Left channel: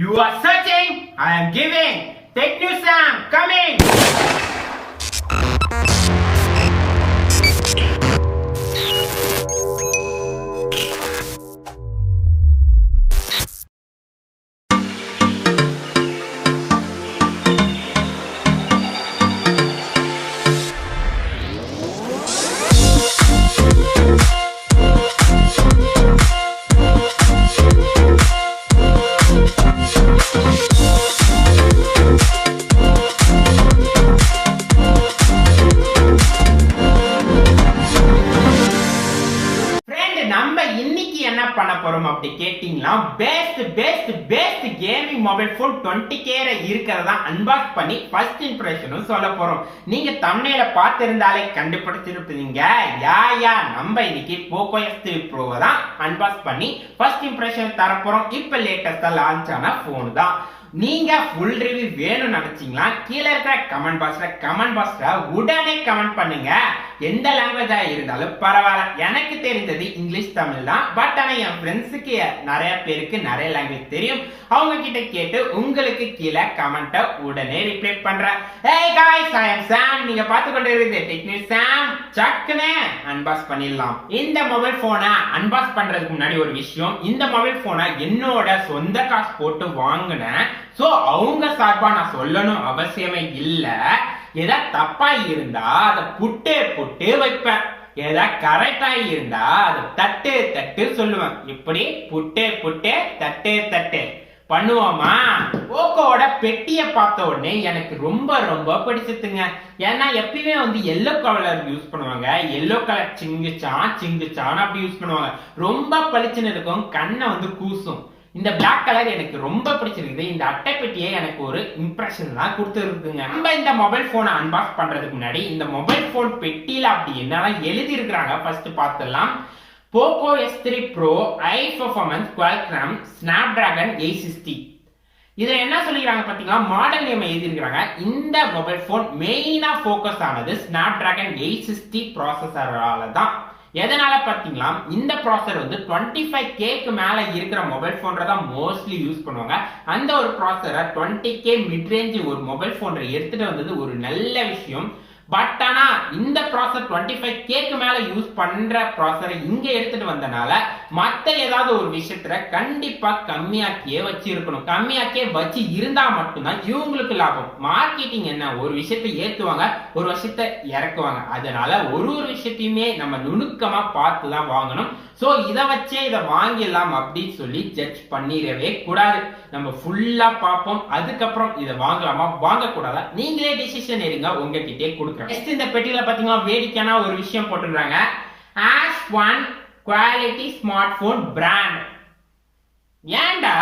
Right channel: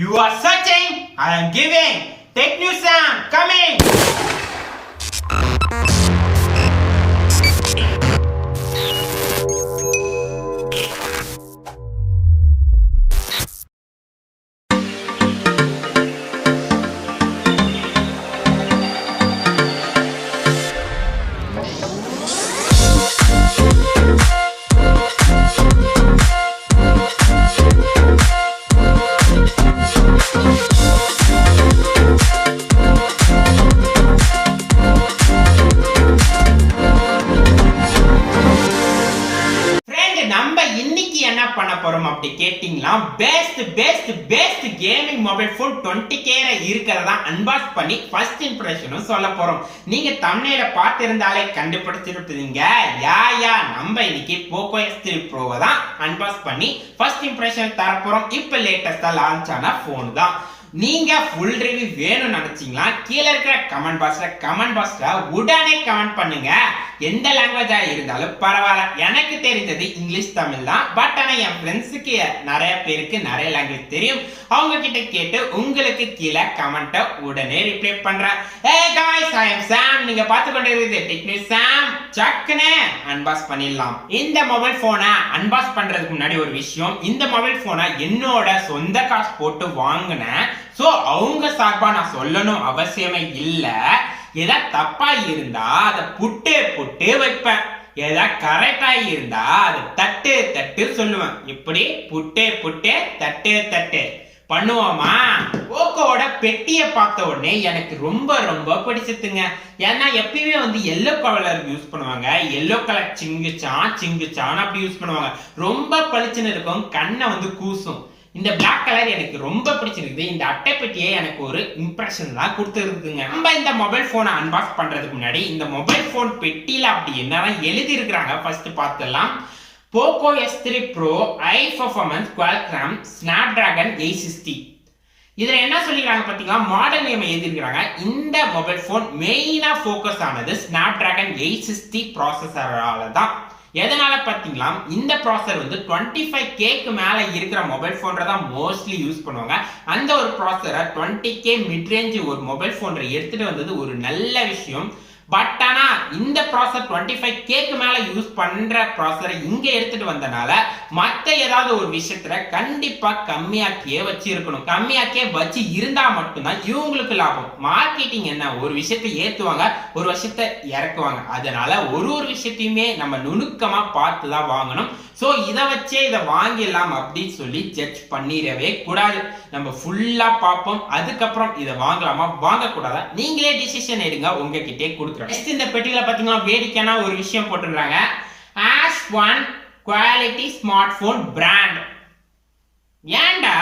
You are searching, I am giving. Take news, Sam, coming. என்ன பண்ண போறோம் அப்படி கேட்டிங்களா best gaming mobile phone 20K இருக்கிறதா அன்பாக்ஸ் பண்ணி ஃபர்ஸ்ட் இம்ப்ரஷனும் சொல்ல போறோம். நீங்க தம்ப்நெயில பார்த்திருந்தாலே கண்டுபிடிச்சிருப்பீங்க. யா நம்ம இன்னைக்கு Poco X3 Pro தான் அன்பாக்ஸ் பண்ணி ஃபர்ஸ்ட் இம்ப்ரஷன் தர போறோம். இப்போ லேட்டஸ்டா லான்ச் ஆன போன் தான். நீங்க ஃபுல் ரிவ்யூ வேணும்னு நினைச்சீங்களா கீழே இருக்கிற கமெண்ட் பாக்ஸ்ல உடனே கமெண்ட் பண்ணுங்க. எந்த லாங்குவேஜா இருந்தாலும் பரவாயில்ல. எனக்கு தெரிஞ்சது இங்கிலீஷ் தமிழ் தான். பட் ஆனா என் ஃப்ரெண்ட்ஸுக்கு நிறைய பேருக்கு நிறைய லாங்குவேஜ் தெரியும். அவங்க கிட்ட கேட்டு உங்களுக்கு கீழே கமெண்ட்டை உடனே ரிப்ளை பண்றேன். Hey guys, I am Sam. நீங்க பார்த்து கொண்டு இருக்கிறது டெக்னிக் சாம். சக்குனே அன்பாக்ஸ் பண்ணிடலாம். இந்த மொபைல் போனை அன்பாக்ஸ் பண்றதுக்கு முன்னாடி ஒரு விஷயம். இந்த மொபைல் போனை என்னோட சொந்த காசு போட்டு வாங்கினேன். சோ அவங்க சார்பா நான் சொல்லணும் அவசியமே இல்ல. ஏதா தப்பா இருந்தா அதை புட்டு வைப்பேன். ஏதா கரெக்டா இருந்தா அதை தட்டு சொல்லுவேன். இப்படி புட்டு தட்டு பண்ணுவோமா? போக்கோட பெட்டியை பார்த்த உடனே எனக்கு ரொம்ப பிடிச்சதுங்க. ஏன்னா எப்பயுமே வந்து எல்லோ கலர் யூஸ் பண்ணுவாங்க. எல்லோ கலர் சிங்குச்சான் அப்படி யூஸ் பண்ணுவாங்க. ரொம்ப பளிச்சுன்னு இருக்கும், கண்ணை வந்து கூசும். இந்த பிளாக் கலர் எனக்கு ரொம்ப பிடிச்சிருக்குது. இந்த அட்டை பெட்டியை எனக்கு ஒரு இம்ப்ரெஷன் தான் கொடுத்துருக்குங்க. நம்ம இந்த மொபைல் போனை அன்பாக்ஸ் பண்றதுக்கு முன்னாடி இந்த மொபைல் போன் பெட்டியில அப்படி என்னதான் எழுதி இருக்கிறாங்க ஃபர்ஸ்ட் பார்த்துடலாம். Poco X3 Pro high performance Qualcomm Snapdragon 860. இதுல என்ன சொல்லிக்கிறாங்க பாத்தீங்களா, மாடல் நேம் எழுதிருக்காங்க. இந்த மொபைல் போன் மெயினா ஃபோக்கஸ் ஆனது Snapdragon 860 ப்ராசஸரால தான். எதனால பாத்தீங்களா, இந்த ப்ராசஸர் வந்து 25K மேல இருக்கிற மொபைல் போன்ல தான் மோஸ்ட்லி யூஸ் பண்ணுவாங்க. அந்த ஒரு ப்ராசஸரை 20K மிட் ரேஞ்ச் ஒரு மொபைல் போன்ல எடுத்துட்டு வந்தது ஒரு நல்ல விஷயம். பட் ஆனா இந்த ப்ராசஸர் 25K மேல யூஸ் பண்ற ப்ராசஸரை இங்க எடுத்துட்டு வந்தனால மத்த ஏதாவது ஒரு விஷயத்துல கண்டிப்பா கம்மியாக்கியே வச்சிருக்கணும். கம்மியாக்கியே வச்சு இருந்தா மட்டும்தான் இவங்களுக்கு லாபம். மார்க்கெட்டிங் என்ன, ஒரு விஷயத்தை ஏத்துவாங்க, ஒரு விஷயத்தை இறக்குவாங்க. அதனால ஒரு விஷயத்தையுமே நம்ம நுணுக்கமா பார்த்து தான் வாங்கணும். சோ இதை வச்சே இதை வாங்கிடலாம் அப்படின்னு சொல்லி ஜட்ஜ் பண்ணிடவே கூடாது. நம்ம ஃபுல்லா பார்ப்போம். அதுக்கப்புறம் இதை வாங்கலாமா வாங்கக்கூடாதா நீங்களே டிசிஷன் எடுங்க, உங்ககிட்டே கொடுக்குறேன். இந்த பெட்டியில பாத்தீங்கன்னா வேடிக்கையான ஒரு விஷயம் போட்டுருக்காங்க. As1 quality smart phone brand. ஏன்டா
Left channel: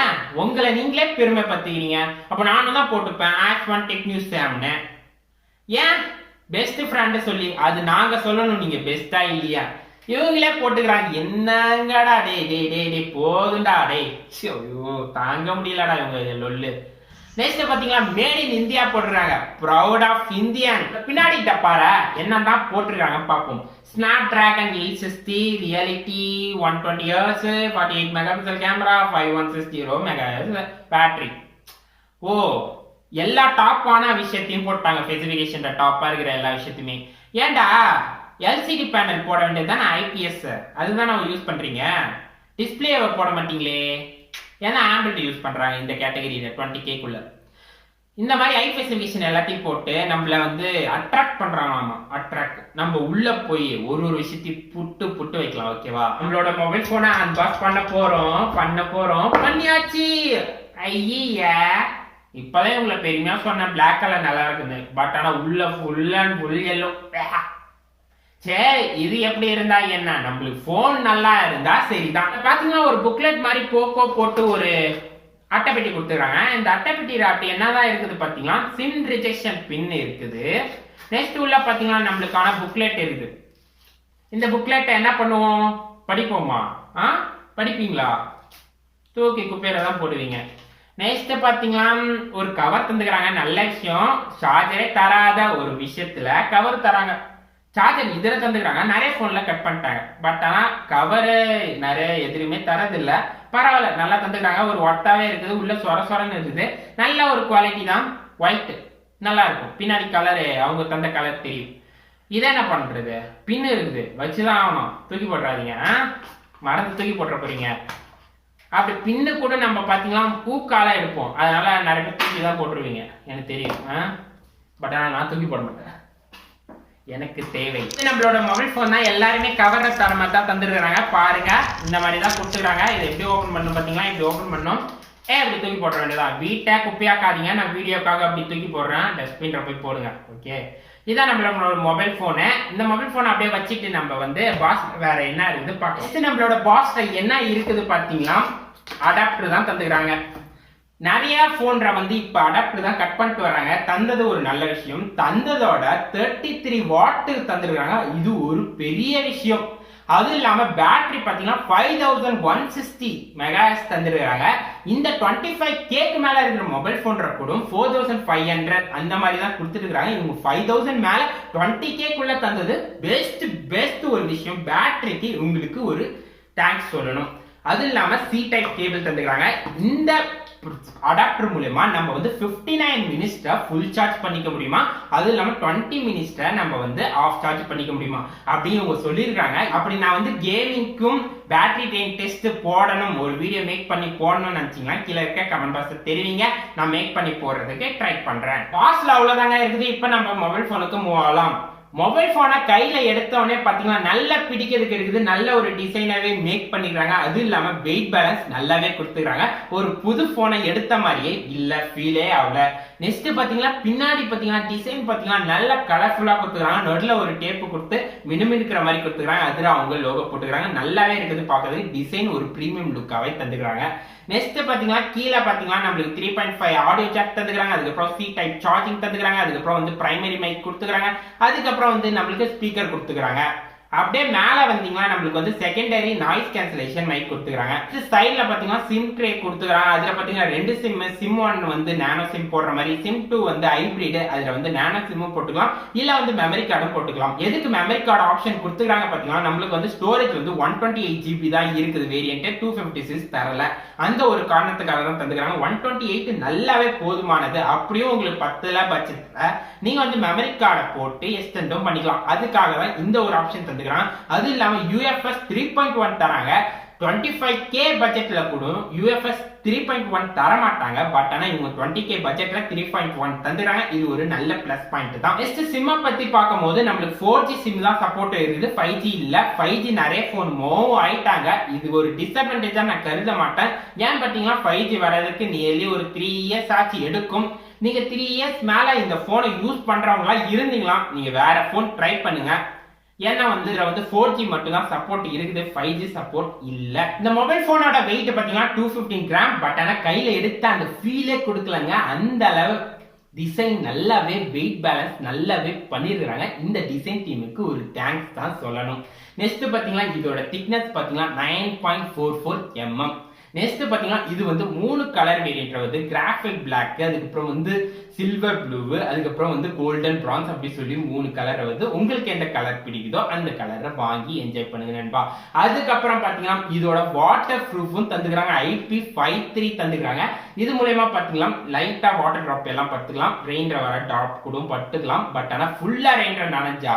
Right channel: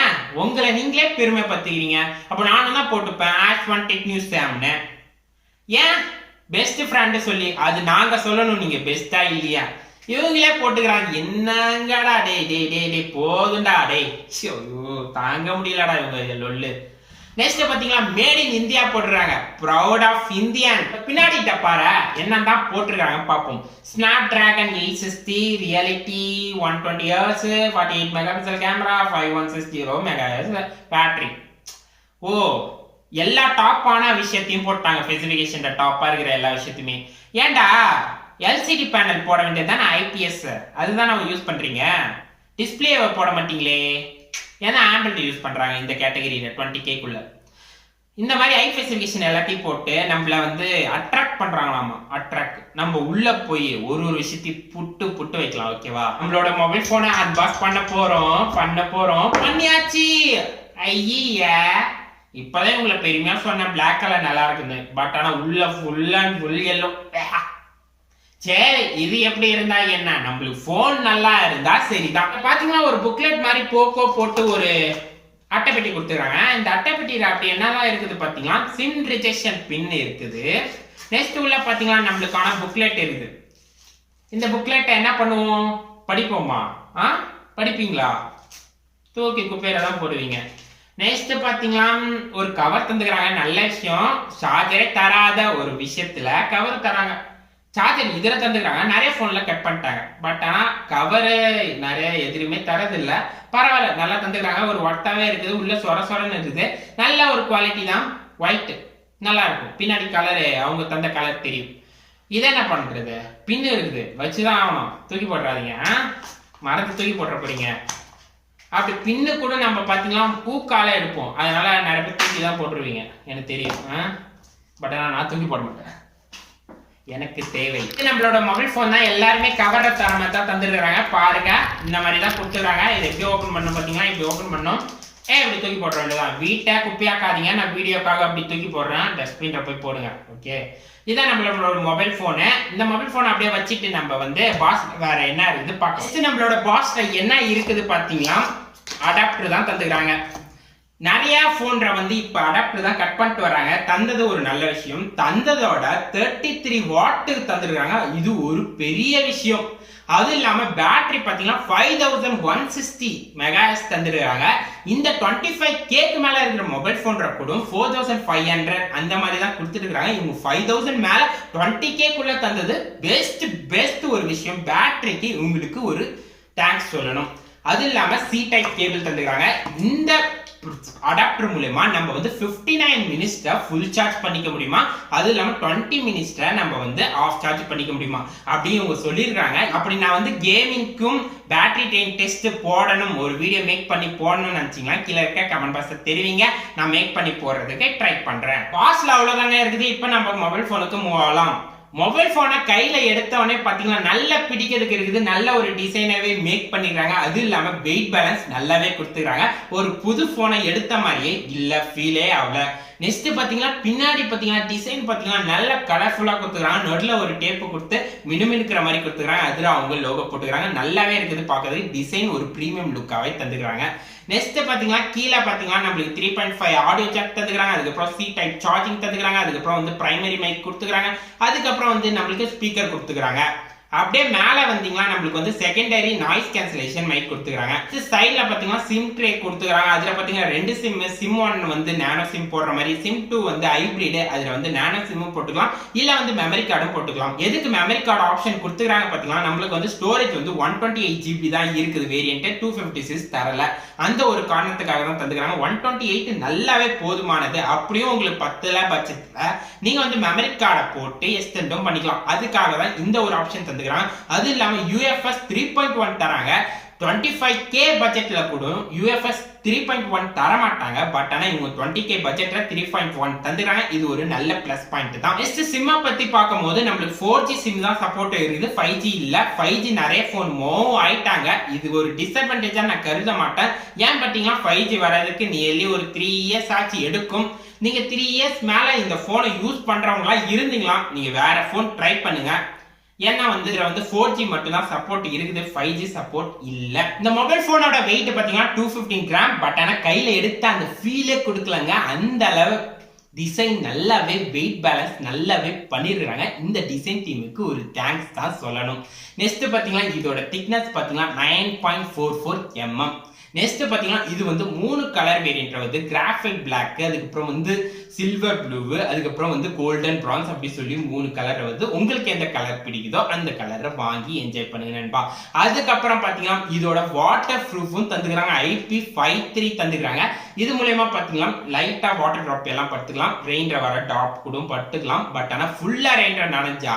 ஏன் உங்களை நீங்களே பெருமை பத்துக்கிறீங்க? அப்ப நானும் தான் போட்டுப்பேன் As1 டெக் நியூஸ் சாம்னு. ஏன் பெஸ்ட் ஃப்ரெண்ட் சொல்லி அது நாங்க சொல்லணும், நீங்க பெஸ்டா இல்லையா? இவங்களே போட்டுக்கிறாங்க. என்னங்கடா டே போதுண்டா டே, தாங்க முடியலடா இவங்க லொல்லு. நெக்ஸ்ட் பாத்தீங்களா, மேட் இன் இந்தியா போட்டுருக்காங்க. Proud of Indian. பின்னாடி பாரு என்னதான் போட்டிருக்காங்க பார்ப்போம். Snapdragon 860 reality 120 Hz 48 megapixel camera 5160 megahertz battery. ஓ, எல்லா டாப்பான விஷயத்தையும் போட்டாங்க. ஸ்பெசிஃபிகேஷன் டாப்பா இருக்கிற எல்லா விஷயத்தையுமே. ஏன்டா எல்சிடி பேனல் போட வேண்டியது தானே, ஐபிஎஸ் அதுதான் நம்ம யூஸ் பண்றீங்க. டிஸ்பிளேவை போட மாட்டீங்களே. ஏன்னா ஆம்பிள் யூஸ் பண்றாங்க இந்த கேட்டகரியில 20K. இந்த மாதிரி ஐ ஸ்பெசிஃபிகேஷன் எல்லாத்தையும் போட்டு நம்மள வந்து அட்ராக்ட் பண்றாங்களாமா. அட்ராக்ட் நம்ம உள்ள போய் ஒரு விஷயத்தையும் புட்டு வைக்கலாம். ஓகேவா, நம்மளோட மொபைல் போனை அன்பாக்ஸ் பண்ண போறோம். பண்ணியாச்சு. ஐயா, இப்பதான் உங்களை பெருமையா சொன்ன பிளாக் கலர் நல்லா இருக்குது. பட் ஆனா உள்ள ஃபுல் எல்லோ. சரி, இது எப்படி இருந்தா என்ன, நம்மளுக்கு போன் நல்லா இருந்தா சரிதான். பாத்தீங்கன்னா ஒரு புக்லெட் மாதிரி போக்கோ போட்டு ஒரு அட்டைப்பெட்டி கொடுத்துருக்காங்க. இந்த அட்டைப்பெட்டியில அப்படி என்னதான் இருக்குது பாத்தீங்கன்னா, சிம் ரிஜெக்ஷன் பின் இருக்குது. நெக்ஸ்ட் உள்ள பாத்தீங்கன்னா நம்மளுக்கான புக்லெட் இருக்குது. இந்த புக்லெட்டை என்ன பண்ணுவோம், படிப்போமா? படிப்பீங்களா? தூக்கி குப்பையில தான் போடுவீங்க. நெக்ஸ்ட் பாத்தீங்கன்னா ஒரு கவர் தந்துக்கிறாங்க. நல்ல விஷயம். சார்ஜரே தராத ஒரு விஷயத்துல கவர் தராங்க. சார்ஜர் இதில் தந்துக்கிறாங்க. நிறைய ஃபோனில் கட் பண்ணிட்டாங்க. பட் ஆனால் கவரு நிறைய எதுலையுமே தரதில்ல. பரவாயில்ல, நல்லா தந்துக்கிறாங்க. ஒரு ஒர்த்தாகவே இருக்குது. உள்ள சொரன்னு இருக்குது. நல்ல ஒரு குவாலிட்டி தான். ஒயிட்டு நல்லா இருக்கும். பின்னாடி கலரு அவங்க தந்த கலர் தெரியும். இதை என்ன பண்ணுறது, பின்னு இருக்குது, வச்சுதான் ஆகணும். தூக்கி போட்டுறாதீங்க, மறந்து தூக்கி போட்டுற போறீங்க. அப்படி பின்னு கூட நம்ம பார்த்தீங்கன்னா பூக்கால எடுப்போம். அதனால நிறைய பேர் தூக்கி தான் போட்டுருவீங்க, எனக்கு தெரியும். பட் ஆனால் நான் தூக்கி போட மாட்டேன், எனக்கு தேவை. நம்மளோட மொபைல் ஃபோன் தான். எல்லாருமே கவர்ற தரமாக தான் தந்துருக்குறாங்க. பாருங்க, இந்த மாதிரி தான் கொடுத்துருக்காங்க. இதை எப்படி ஓப்பன் பண்ணணும் பார்த்தீங்களா, இப்படி ஓப்பன் பண்ணணும். இப்படி தூக்கி போட வேண்டியதான். வீட்டை குப்பையாக்காதீங்க. நான் வீடியோக்காக அப்படி தூக்கி போடுறேன். டஸ்ட்பின்ல போய் போடுங்க. ஓகே, இதான் நம்மளோட மொபைல் ஃபோனு. இந்த மொபைல் ஃபோன் அப்படியே வச்சுட்டு நம்ம வந்து பாஸ் வேற என்ன இருக்குது பார்க்கலாம். நம்மளோட பாஸ்ல என்ன இருக்குது பார்த்தீங்கன்னா, அடாப்டர் தான் தந்துக்கிறாங்க. நிறைய போன்ற வந்து இப்ப அடாப்டர் தான் கட் பண்ணிட்டு வராங்க. தந்தது ஒரு நல்ல விஷயம். தந்ததோட 33 வாட் தந்துருக்காங்க. இது ஒரு பெரிய விஷயம். அது இல்லாம பேட்டரி பாத்தீங்கன்னா 5160 மெகாஹெர்ட்ஸ் தந்துருக்காங்க. இந்த 25K மேல இருக்கிற மொபைல் போன் கூட 4500 அந்த மாதிரி தான் கொடுத்துட்டு இருக்காங்க. இவங்க 5000 மேல 20K தந்தது பெஸ்ட் ஒரு விஷயம். பேட்டரிக்கு உங்களுக்கு ஒரு தேங்க்ஸ் சொல்லணும். அது இல்லாம சி டைப் கேபிள் தந்துக்கிறாங்க. இந்த அடாப்டர் மூலமா நம்ம வந்து 59 மினிட்ஸ்ல ஃபுல் சார்ஜ் பண்ணிக்க முடியுமா, அது இல்லாம 20 மினிட்ஸ்ல நம்ம வந்து ஆஃப் சார்ஜ் பண்ணிக்க முடியுமா அப்படி இவங்க சொல்லியிருக்காங்க. அப்படி நான் வந்து கேமிங்க்கும் பேட்டரி ட்ரெயின் டெஸ்ட் போடணும், ஒரு வீடியோ மேக் பண்ணி போடணும்னு நினைச்சீங்கன்னா கீழே இருக்க கமெண்ட் பாக்ஸ்ல தெரிவிங்க. நான் மேக் பண்ணி போடுறதுக்கு ட்ரை பண்றேன். பாஸ்ல அவ்வளவுதாங்க இருக்குது. இப்போ நம்ம மொபைல் போனுக்கு மூவ் ஆகலாம். மொபைல் போனை கையில எடுத்தவொடனே பாத்தீங்கன்னா நல்லா பிடிக்கிறதுக்கு இருக்குது. நல்ல ஒரு டிசைனாவே மேக் பண்ணிக்கிறாங்க. அது இல்லாம வெயிட் பேலன்ஸ் நல்லாவே கொடுத்துக்கிறாங்க. ஒரு புது போனை எடுத்த மாதிரியே இல்ல, ஃபீலே ஆகல. நெக்ஸ்ட் பாத்தீங்கன்னா பின்னாடி பாத்தீங்கன்னா டிசைன் பாத்தீங்கன்னா நல்ல கலர்ஃபுல்லா கொடுத்துக்கிறாங்க. நடுல ஒரு டேப்பு கொடுத்து மினுமினுக்கிற மாதிரி கொடுத்துக்கிறாங்க. அதுல அவங்க லோகோ போட்டுக்கிறாங்க. நல்லாவே இருக்குது பார்க்கறது. டிசைன் ஒரு பிரீமியம் லுக்காவே தந்துக்கிறாங்க. நெக்ஸ்ட் பாத்தீங்கன்னா கீழே பாத்தீங்கன்னா நம்மளுக்கு 3.5 ஆடியோ ஜாக் தந்துக்கிறாங்க. அதுக்கப்புறம் சி டைப் சார்ஜிங் தந்துக்கிறாங்க. அதுக்கப்புறம் வந்து பிரைமரி மைக் கொடுத்துக்கிறாங்க. அதுக்கப்புறம் வந்து நம்மளுக்கு ஸ்பீக்கர் கொடுத்துக்கிறாங்க. அப்படியே மேல வந்தீங்கன்னா நம்மளுக்கு வந்து செகண்டரி நாய்ஸ் கேன்சலேஷன் மைக் கொடுத்துக்கிறாங்க. சைட்ல பாத்தீங்கன்னா சிம் ட்ரே கொடுத்துக்கிறாங்க. அதுல பாத்தீங்கன்னா 2 சிம் 1 வந்து நானோ சிம் போடுற மாதிரி, சிம் 2 வந்து ஹைபிரிட், அதுல வந்து நானோ சிம்மும் போட்டுக்கலாம், இல்ல வந்து மெமரி கார்டும் போட்டுக்கலாம். எதுக்கு மெமரி கார்டு ஆப்ஷன் கொடுத்துக்கிறாங்க பாத்தீங்கன்னா, நம்மளுக்கு வந்து ஸ்டோரேஜ் வந்து 128 GB தான் இருக்குது வேரியன்ட், 256 தரல. அந்த ஒரு காரணத்துக்காக தான் தந்துக்கிறாங்க. 128 நல்லாவே போதுமானது. அப்படியும் உங்களுக்கு 10 பட்சத்துல நீங்க வந்து மெமரி கார்டை போட்டு எக்ஸ்டெண்டும் பண்ணிக்கலாம். அதுக்காக தான் இந்த ஒரு ஆப்ஷன் தந்து. அது இல்லாம UFS 3.1 தராங்க. 25K பட்ஜெட்ல கூட UFS 3.1 தர மாட்டாங்க. பட் ஆனா இவங்க 20K பட்ஜெட்ல 3.1 தந்துறாங்க. இது ஒரு நல்ல பிளஸ் பாயிண்ட் தான். நெக்ஸ்ட் சிம்ம பத்தி பார்க்கும்போது நம்மளுக்கு 4G சிம் தான் சப்போர்ட் இருக்குது, 5G இல்ல. 5G நிறைய போன் மூவ் ஆயிட்டாங்க. இது ஒரு டிஸ்அட்வான்டேஜா நான் கருத மாட்டேன். ஏன் பாத்தீங்கன்னா 5G வரதுக்கு நியர்லி ஒரு 3 இயர்ஸ் ஆச்சு எடுக்கும். நீங்க 3 இயர்ஸ் மேல இந்த போனை யூஸ் பண்றவங்களா இருந்தீங்களா, நீங்க வேற போன் ட்ரை பண்ணுங்க. ஏன்னா வந்து இதுல வந்து 4G மட்டும் தான் சப்போர்ட் இருக்குது, 5G சப்போர்ட் இல்ல. இந்த மொபைல் போனோட வெயிட் பாத்தீங்கன்னா 215 கிராம். பட் ஆனா கையில எடுத்த அந்த ஃபீலே கொடுக்கலங்க. அந்த அளவு டிசைன் நல்லாவே வெயிட் பேலன்ஸ் நல்லாவே பண்ணிருக்காங்க. இந்த டிசைன் டீமுக்கு ஒரு தேங்க்ஸ் தான் சொல்லணும். நெக்ஸ்ட் பாத்தீங்கன்னா இதோட திக்னஸ் பாத்தீங்கன்னா 9.44 mm. நெக்ஸ்ட் பாத்தீங்கன்னா இது வந்து 3 கலர் வேரியன்ட் வந்து கிராஃபைட் பிளாக், அதுக்கப்புறம் வந்து சில்வர் ப்ளூ, அதுக்கப்புறம் வந்து கோல்டன் பிரான்ஸ் அப்படி சொல்லி 3 கலர் வந்து உங்களுக்கு எந்த கலர் பிடிக்குதோ அந்த கலரை வாங்கி என்ஜாய் பண்ணுங்க நண்பா. அதுக்கப்புறம் பாத்தீங்கன்னா இதோட வாட்டர் ப்ரூஃபும் தந்துக்கிறாங்க. IP53 தந்துக்கிறாங்க. இது மூலமா பாத்தீங்கன்னா லைட்டா வாட்டர் டிராப் எல்லாம் படுத்துக்கலாம், ரெயின்ல வர டாப் கூட படுத்துக்கலாம். பட் ஆனா ஃபுல்லா ரெயின்ல நனைஞ்சா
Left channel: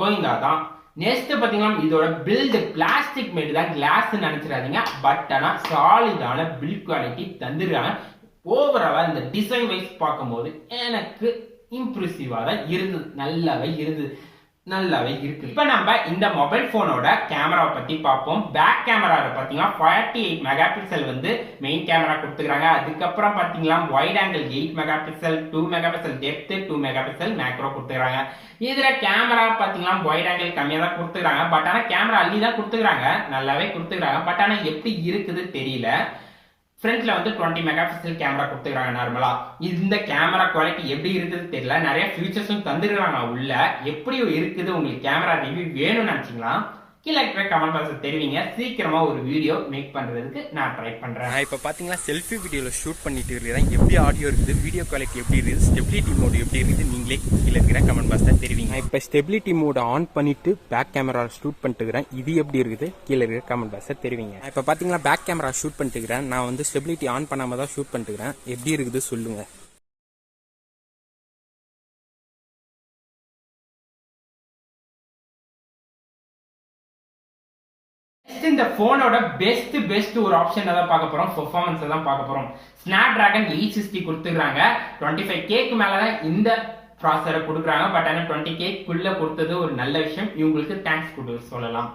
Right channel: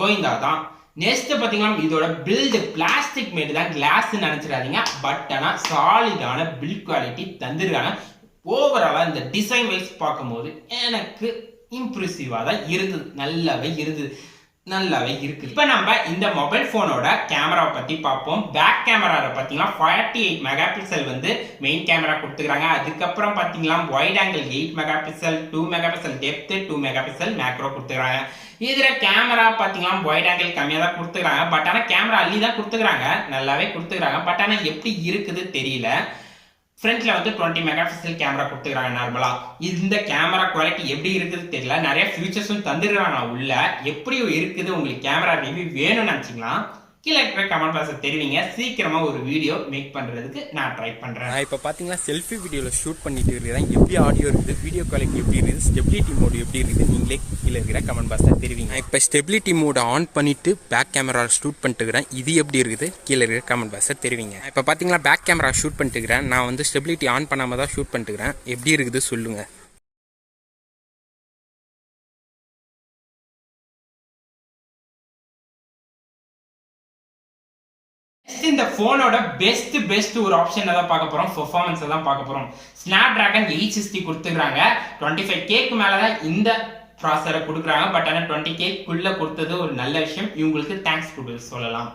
கோயிந்தாதான். நெக்ஸ்ட் பாத்தீங்கன்னா இதோட பில்ட் பிளாஸ்டிக் மேட் தான், கிளாஸ் நினைச்சிடாதீங்க. பட் ஆனா சாலிடான பில்ட் குவாலிட்டி தந்துருக்காங்க. ஓவராலா இந்த டிசைன் வைஸ் பார்க்கும்போது எனக்கு இம்ப்ரெசிவா தான் இருந்தது. நல்லாவே இருக்கு. இப்ப நம்ம இந்த மொபைல் போனோட கேமராவை பத்தி பார்ப்போம். பேக் கேமரா பாத்தீங்கன்னா 48 மெகா பிக்சல் வந்து மெயின் கேமரா கொடுத்துக்கிறாங்க. அதுக்கப்புறம் பாத்தீங்கன்னா wide angle 8 mega pixel, 2 mega pixel depth, 2 mega pixel macro கொடுத்துக்கிறாங்க. இதுல கேமரா பாத்தீங்கன்னா வைட் ஆங்கிள் கம்மியா தான் கொடுத்துக்கிறாங்க. பட் ஆனா கேமரா அள்ளி தான் கொடுத்துக்கிறாங்க, நல்லாவே கொடுத்துக்கிறாங்க. பட் ஆனா எப்படி இருக்குது தெரியல. ஃப்ரண்ட்ல வந்து 20 மெகா பிக்சல் கேமரா கொடுத்துக்கிறாங்க நார்மலா. இந்த கேமரா குவாலிட்டி எப்படி இருக்குது தெரியல. நிறைய ஃபியூச்சர்ஸும் தந்துருக்காங்க உள்ள. எப்படி இருக்குது உங்களுக்கு கேமரா ரிவ்யூ வேணும்னு நினைச்சீங்களா கீழே இருக்கிற கமெண்ட் பாக்ஸ்ல தெரிவிங்க. சீக்கிரமா ஒரு வீடியோ மேக் பண்றதுக்கு நான் ட்ரை பண்றேன். இப்போ பாத்தீங்கன்னா செல்ஃபி வீடியோல ஷூட் பண்ணிட்டு இருக்கிறேன். எப்படி ஆடியோ இருக்குது, வீடியோ குவாலிட்டி எப்படி இருக்குது, ஸ்டெபிலிட்டி மோடு எப்படி இருக்குது, நீங்களே கீழே இருக்கிற கமெண்ட் பாக்ஸ்ல தெரிவிங்க. இப்போ ஸ்டெபிலிட்டி மோட ஆன் பண்ணிட்டு பேக் கேமரா ஷூட் பண்ணிட்டு இருக்கிறேன். இது எப்படி இருக்குது கீழே இருக்கிற கமெண்ட் பாக்ஸ்ல தெரிவிங்க. இப்போ பாத்தீங்கன்னா பேக் கேமரா ஷூட் பண்ணிட்டு இருக்கிறேன். நான் வந்து ஸ்டெபிலிட்டி ஆன் பண்ணாம தான் ஷூட் பண்ணிட்டு இருக்கிறேன். எப்படி இருக்குது சொல்லுங்க. இந்த போனோட பெஸ்ட் ஒரு ஆப்ஷன் தான் பார்க்க போறோம். பெர்ஃபார்மன்ஸ் தான் பார்க்க போறோம். Snapdragon 860 கொடுத்துக்கிறாங்க. 25Kக்கு மேல தான் இந்த ப்ராசஸரை கொடுக்குறாங்க. பட் ஆனால் 20Kக்குள்ள கொடுத்தது ஒரு நல்ல விஷயம். இவங்களுக்கு தேங்க்ஸ் சொல்லலாம்.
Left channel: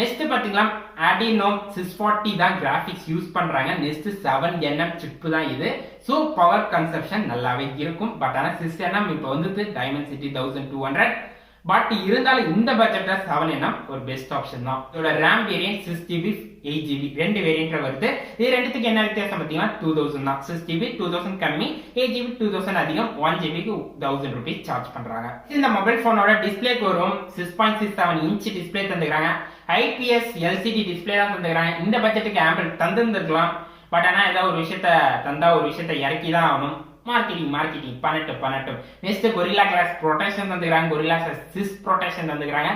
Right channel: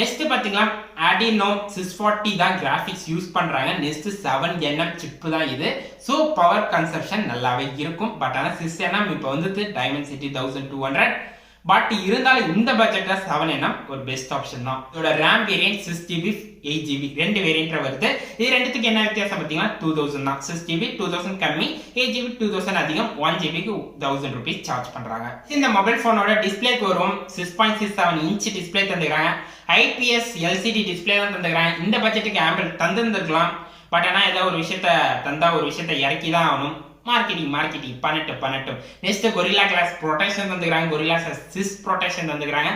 நெக்ஸ்ட் பாத்தீங்களா Adreno 640 தான் கிராஃபிக்ஸ் யூஸ் பண்றாங்க. நெக்ஸ்ட் 7nm சிப் தான் இது. ஸோ பவர் கன்சப்ஷன் நல்லாவே இருக்கும். பட் ஆனால் 6nm இப்போ வந்து Dimensity 1200. பட் இருந்தாலும் இந்த பட்ஜெட்ல 7nm ஒரு பெஸ்ட் ஆப்ஷன் தான். இதோட RAM வேரியன்ட் 6GB 8GB ரெண்டு வேரியன்ட்ல வருது. இது ரெண்டுத்துக்கு என்ன வித்தியாசம் பார்த்தீங்கன்னா 2000 தான். 6GB 2000 கம்மி, 8GB 2000 அதிகம். 1GBக்கு 1000 rupees சார்ஜ் பண்றாங்க. இந்த மொபைல் போனோட டிஸ்பிளேக்கு வரும் 6.67 இன்ச் டிஸ்பிளே தந்துக்கிறாங்க. IPS LCD டிஸ்பிளே தான் தந்துக்கிறாங்க. இந்த பட்ஜெட்டுக்கு ஆம்பிள் தந்துருக்கலாம். பட் ஆனால் ஏதாவது ஒரு விஷயத்த தந்தா ஒரு விஷயத்த இறக்கி தான் ஆகணும். மார்க்கெட்டிங் பண்ணட்டும். நெக்ஸ்ட் கொரில்லா கிளாஸ் ப்ரொடெக்ஷன் தந்துக்கிறாங்க. கொரில்லா 6 ப்ரொடெக்ஷன் தந்துக்கிறாங்க.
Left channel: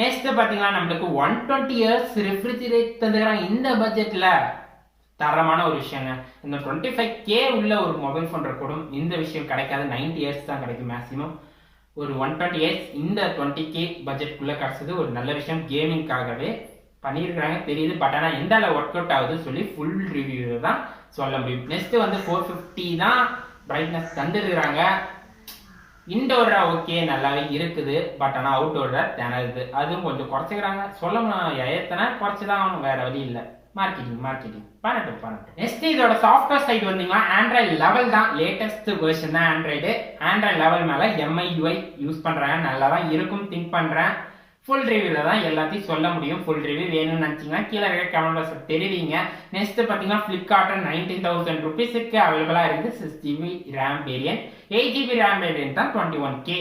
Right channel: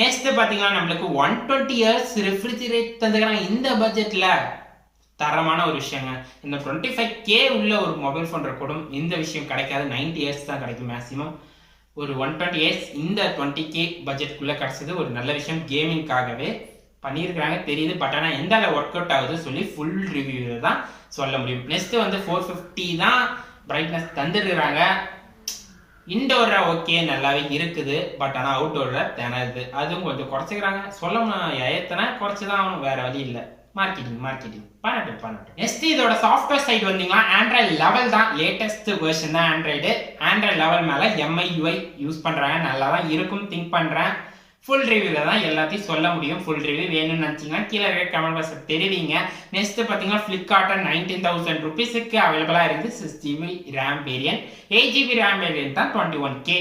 நெக்ஸ்ட் பாத்தீங்கன்னா நம்மளுக்கு 120 years ரெஃப்ரிஜரேட் தந்துக்கிறாங்க. இந்த பட்ஜெட்ல தரமான ஒரு விஷயங்க. இந்த 25K உள்ள ஒரு மொபைல் போன் இருக்கணும். இந்த விஷயம் கிடைக்காது. 90 years தான் கிடைக்கும் மேக்ஸிமம். ஒரு 120 years இந்த 20K பட்ஜெட்குள்ள கிடைச்சது ஒரு நல்ல விஷயம். கேமிங்காகவே பண்ணியிருக்கிறாங்க தெரியுது. பட் ஆனால் எந்த அளவு ஒர்க் அவுட் ஆகுது சொல்லி ஃபுல் ரிவ்யூ தான் சொல்ல முடியும். நெக்ஸ்ட் வந்து 450 தான் பிரைட்னஸ் தந்துடுறாங்க. இன்டோர்ல ஓகே நல்லாவே இருக்குது. பட் ஆனால் அவுட்டோர்ல திணறுது. அதுவும் கொஞ்சம் குறைச்சிக்கிறாங்க. சொல்லணும் எத்தனை குறைச்சிதான் ஆகணும், வேற வழி இல்லை. மார்க்கெட்டிங் பண்ணட்டும். நெக்ஸ்ட் இதோட சாஃப்ட்வேர் சைடு வந்தீங்கன்னா ஆண்ட்ராய்டு லெவல் தான் லேட்டஸ்ட் வெர்ஷன் தான். ஆண்ட்ராய்டு லெவல் மேல MIUI யூஸ் பண்றாங்க. நல்லா தான் இருக்கும் திங்க் பண்றேன். ஃபுல் ரிவ்யூல தான் எல்லாத்தையும் சொல்ல முடியும். ஃபுல் ரிவ்யூ வேணும்னு நினைச்சீங்கன்னா கீழே இருக்க கமெண்ட் பாக்ஸ்ல தெரிவிங்க. நெக்ஸ்ட் பாத்தீங்கன்னா Flipkartல 19,000 rupeesக்கு அவைலபிளா இருக்குது. 6GB RAM variant, 8GB RAM variant தான் 21K.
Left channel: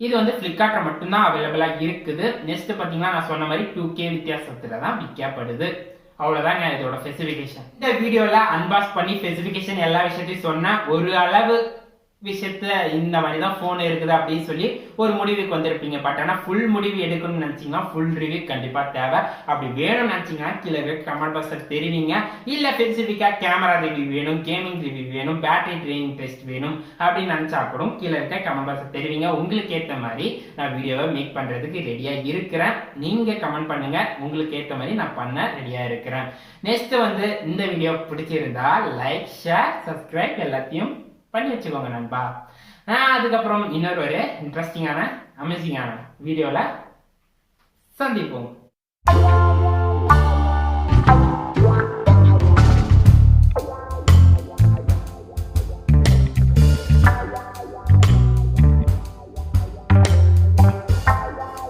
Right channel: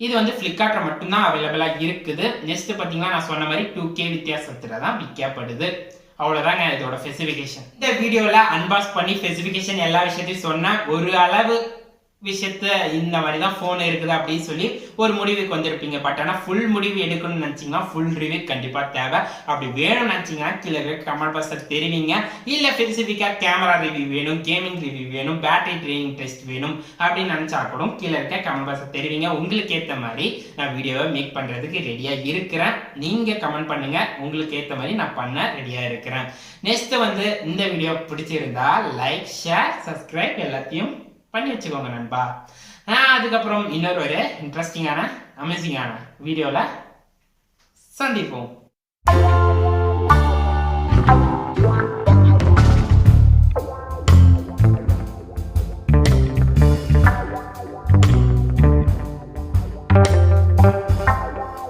இது வந்து Flipkartல மட்டும்தான் அவைலபிளா இருக்குது. நெக்ஸ்ட் பாத்தீங்கன்னா நான் சொன்ன மாதிரி 2K வித்தியாசத்துல தான் விற்கப்படுது. அவ்வளவுதாங்க இதோட ஸ்பெசிஃபிகேஷன். இந்த வீடியோல அன்பாக்ஸ் பண்ணி ஸ்பெசிஃபிகேஷன் எல்லா விஷயத்தையும் சொன்ன ஒரு அளவு விஷயத்த இந்த மாதிரி தான் ஃபோன் இருக்குது அப்படின்னு சொல்லி ஒரு முடிவுக்கு வந்திருப்பீங்க. பட் ஆனால் ஃபுல் முடிவு எடுக்கணும்னு நினச்சிங்கன்னா ஃபுல் ரிவ்யூ கண்டிப்பாக தேவை. அப்படி வேணும்னு நினச்சிங்கன்னா கீழே கமெண்ட் பாக்ஸில் தெரிவிங்க. இல்லை ஸ்பெசிஃபிக்காக கேமரா ரிவ்யூ வேணும், கேமிங் ரிவ்யூ வேணும், பேட்டரி ட்ரெயினிங் டெஸ்ட் வேணும் அப்படின்னு நினச்சா கூட கீழே இருக்க கமெண்ட் பாக்ஸில் தெரிவிங்க. உங்களுக்கு ஏற்ற மாதிரி நான் வீடியோவை மேக் பண்ணுறதுக்கு ரெடியாக இருக்கிறேன். நீங்கள் கமெண்ட் பண்ணுங்க. உங்களுக்கு ஏற்ற மாதிரி நான் பண்ண ரெடியாக இருக்கிறேன். நெக்ஸ்ட் வந்து இந்த வீடியோ பிடிச்சிருந்தா லைக், ஷேர், சப்ஸ்கிரைப் எல்லாத்தையும் பண்ணி வச்சுக்கோங்க நண்பா. அதுக்கப்புறம் இன்னொரு ஒரு இன்ட்ரெஸ்டிங்கான அமேசிங்கான வீடியோல சந்திப்போம்.